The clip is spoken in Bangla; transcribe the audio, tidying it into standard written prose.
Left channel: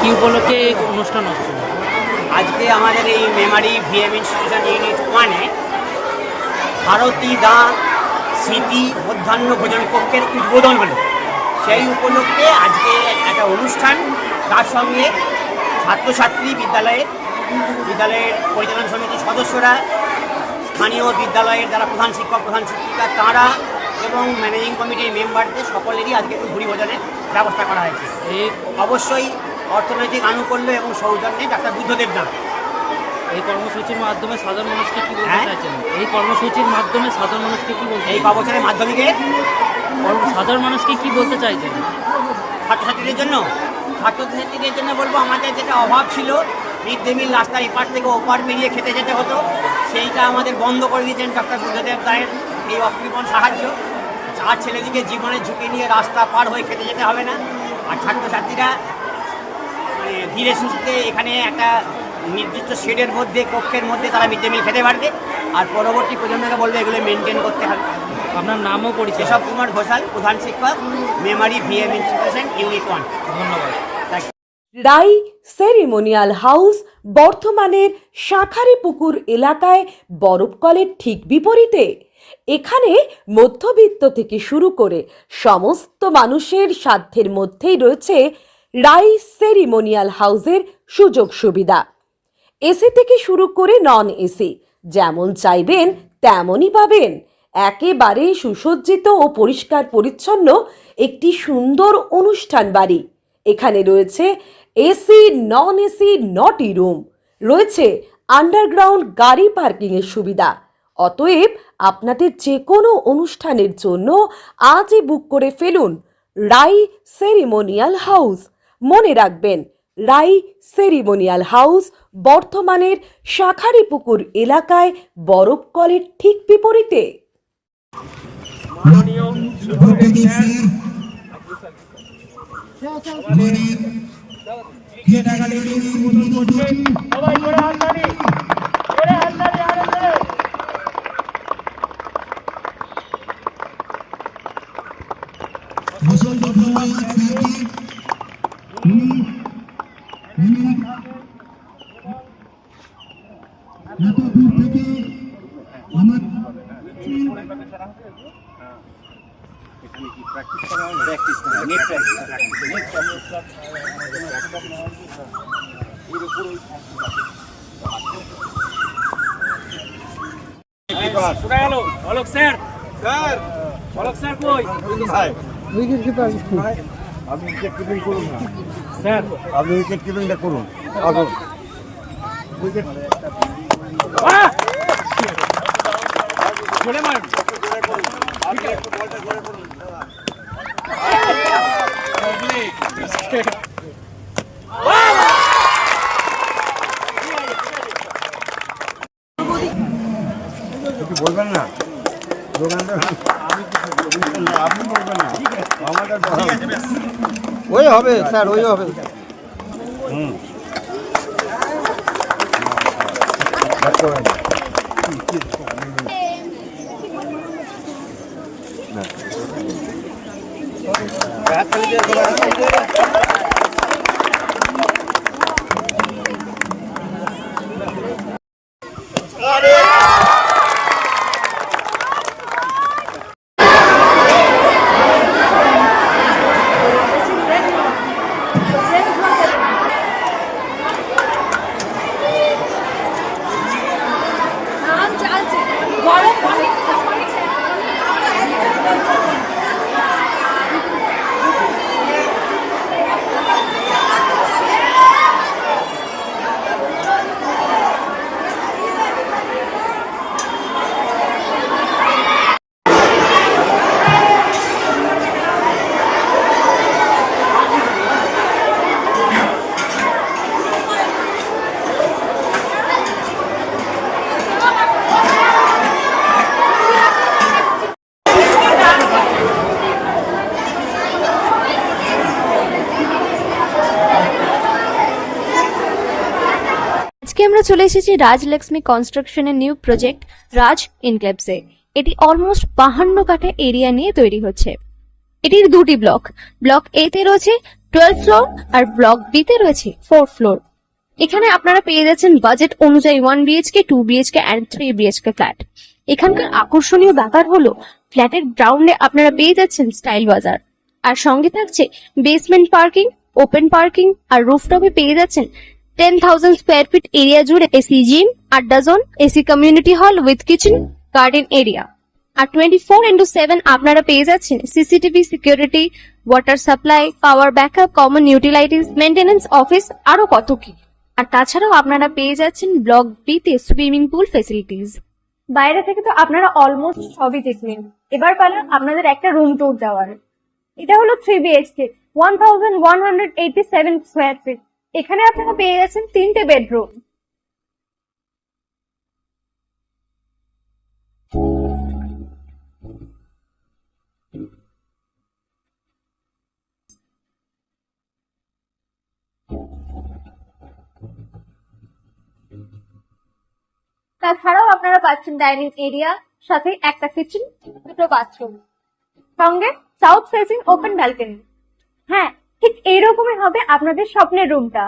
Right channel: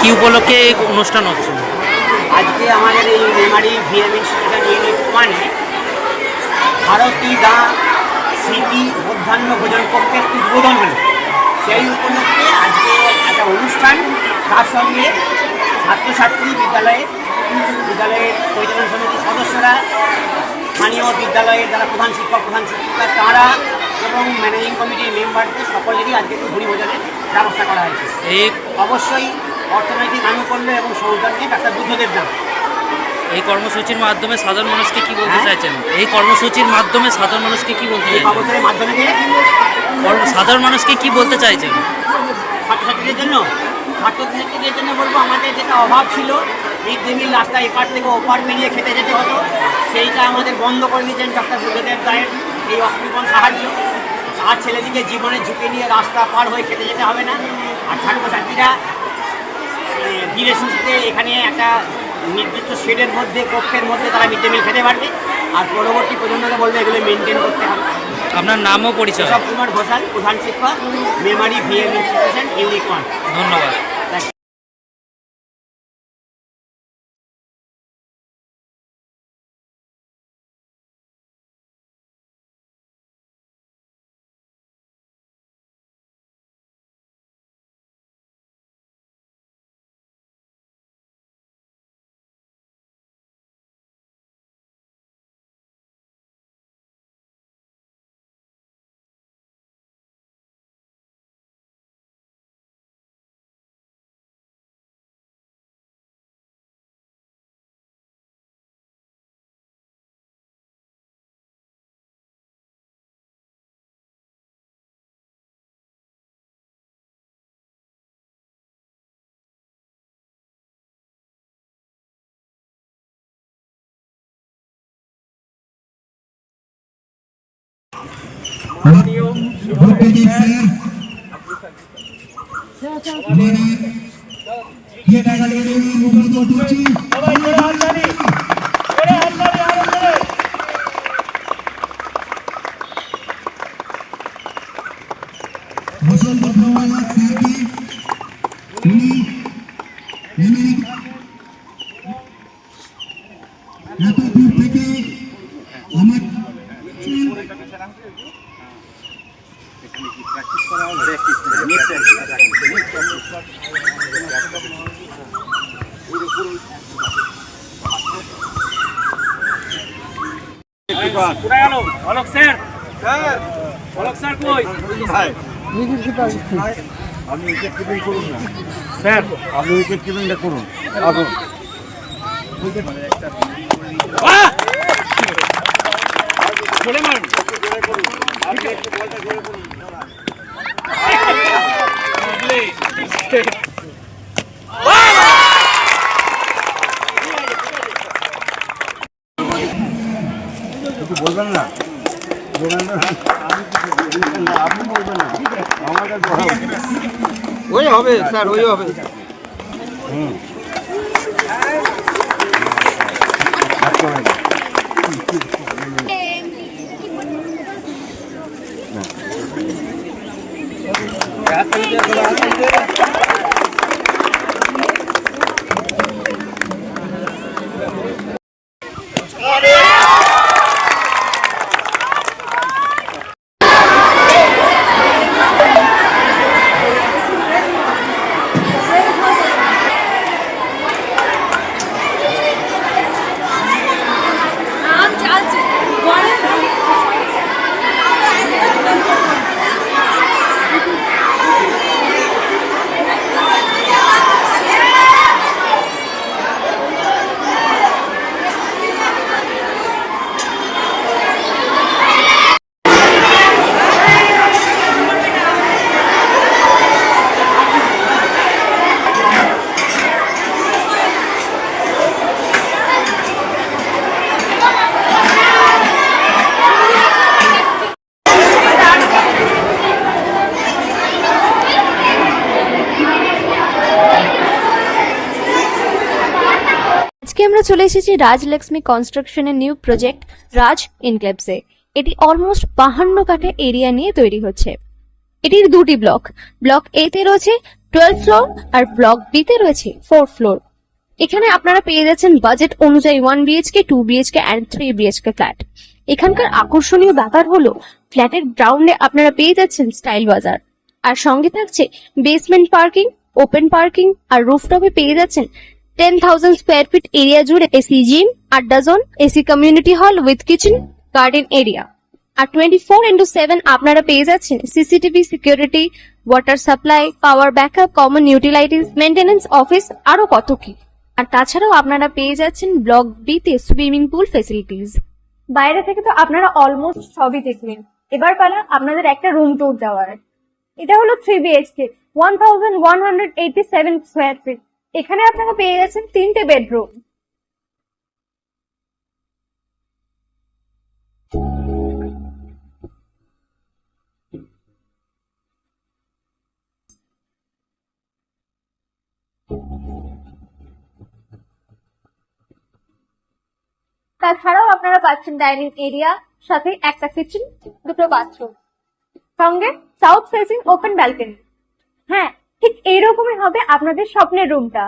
কি উপলক্ষে এই অনুষ্ঠান হচ্ছে? আজকে আমাদের এই মেমারি ভিএম ইনস্টিটিউশন ইউনিট 1-এ ভারতী গাঁ স্মৃতি মধ্যাহ্ন ভোজন কক্ষের উদ্বোধন হলো। সেই উপলক্ষে আজকে একটা অনুষ্ঠান, তার সঙ্গে ছাত্রছাত্রী, বিদ্যালয়ের পরিচালন সমিতির সদস্যরা, স্থানীয় বিদ্যালয়ের যারা প্রধান শিক্ষক প্রধান শিক্ষিকা তারা এবং ম্যানেজিং কমিটির মেম্বারদের সকলেরই আজকে একটু ভোজনের ব্যবস্থা করা হয়েছে। এই অবশ্যই অর্থনৈতিক আনুকূল্য এবং সৌজন্যে ডাক্তার বুদ্ধদেব নাম। এই কর্মসূচির মাধ্যমে সাধারণ মানুষকে কি বলতে চাইছেন? এই কর্মসূচির মাধ্যমে সাধারণ মানুষকে কি বলতে চাইছেন? বছরের মাধ্যমিকে সাধারণ মানুষকে কি বলতে চাইছেন? ছাত্রছাত্রীদের জন্য বলবো, আমাদের যেটা অভাব ছিল, মিড ডে মিল রাস্তা এপার থেকে ওপার পেরিয়ে খেতে যেতে হতো, সেইটা আমাদের বন্ধ করে দিয়েছেন ডাক্তার বুদ্ধদেব দায়ের এই অকৃপণ সাহায্য। আর ছেলেদিকে জীবনের ঝুঁকি নিয়ে রাস্তা পার হয়ে খেতে যেতে হবে না। আর ছাত্রছাত্রীরা ধীরে সুস্থে এখানে একটা নির্দিষ্ট শেডের মধ্যে, কক্ষের মধ্যে তারা মিড ডে মিল খেতে পারবে। আর পরবর্তী প্রজন্মকে বলবে এগুলো মেনটেন করতে হবে। আপনার নাম ও পরিচয়? কেশব কুমার ঘোষাল, প্রধান শিক্ষক, মেমারি ভিএম ইনস্টিটিউশন ইউনিট 1। ধন্যবাদ। রাই সেরিমোনিয়াল হাউস বর্ধমানের শাঁখারীপুকুর এলাকায় বরফকলের ঠিক বিপরীতে। এখানে মধ্যবিত্ত থেকে শুরু করে সমস্ত মানুষের সাধ্যের মধ্যেই রয়েছে রাই সেরিমোনিয়াল হাউসের সুযোগ সুবিধা। এসি থেকে শুরু করে নন এসি যেমন চাইবেন তেমনই পাবেন। একেবারে সুসজ্জিত ও পরিষ্কার পরিচ্ছন্ন একটি সুন্দর অনুষ্ঠান বাড়ি। এখানে রয়েছে এসি, নন এসি, নটি রুম, রয়েছে আন্ডারগ্রাউন্ড গাড়ি পার্কিংয়ের সুবিধা। অতএব আপনাদের যে কোনো অনুষ্ঠানের জন্য আজই বুক করে ফেলুন রাই সেরিমোনিয়াল হাউস। মনে রাখবেন, রাই সেরিমোনিয়াল হাউস বর্ধমানের শাঁখারীপুকুর এলাকায় বরফকলের ঠিক বিপরীতে। অলোক স্যার, অলোক স্যার কই? আপনি উইকেট কিপিং করুন না স্যার, আপনি উইকেট কিপিংটা করুন। আসুন উইকেট জোরে মারুন, করুন, আপনি একটু বলটা জোরে করুন। বলবেন না, আপনি বলবেন না, আমাদের ওই হবে স্যার, ওই হবে। আজকে আমরা চলে এসেছি রাজলক্ষ্মী কনস্ট্রাকশনের নিউ প্রজেক্ট রাজ ইনক্লেভসে। এটি অলমোস্ট 52 কাঠা এরিয়া নিয়ে তৈরি হচ্ছে। এটির দুটি ব্লক। ব্লক এ তে রয়েছে 12 ফ্লোর, আর ব্লক বি তে রয়েছে 4 ফ্লোর। এখানে আপনারা পেয়ে যাচ্ছেন বাজেট অনুযায়ী 1 BHK, 2 BHK and 3 BHK flat. এখানকার আকর্ষণীয় ব্যাপার হলো ফ্ল্যাটের গ্রাউন্ডে আপনারা পেয়ে যাচ্ছেন স্টাইল বাজার, আর সঙ্গে থাকছে বেসমেন্ট পার্কিং, ওপেন পার্কিং, আর রুফটপে পেয়ে যাচ্ছেন 10,000 স্কোয়ার ফিট এরিয়া জুড়ে এসি জিম, আড্ডা zone, AC community hall with kitchen, garden area. আর 24/7 আপনারা পেয়ে যাচ্ছেন CCTV security, water supply, power backup, common utilities, maintenance office, আরো কত কি। আর তাছাড়াও আপনারা পেয়ে যাচ্ছেন ব্লক বি তে সুইমিং পুল ফেসিলিটিস। বাইরে থেকে তো আপনারা অলমোস্ট সবই দেখলেন, এবার পালা আপনাদের একটা রুম ট্যুর দেওয়ার। এটা হলো 3 বিএইচকে, 1187 স্কোয়ার ফিট। এখানে আপনারা পেয়ে যাচ্ছেন 3টে বেডরুম। তাছাড়াও আপনারা পাচ্ছেন ডাইনিং এরিয়া, সাথে একটা কিচেন, 2টো বাথরুম, সঙ্গে সাউথ ফেসিং ওপেন ব্যালকনি। হ্যাঁ, ঠিক এইরকমই হবে আপনাদের স্বপ্নের রুমটা।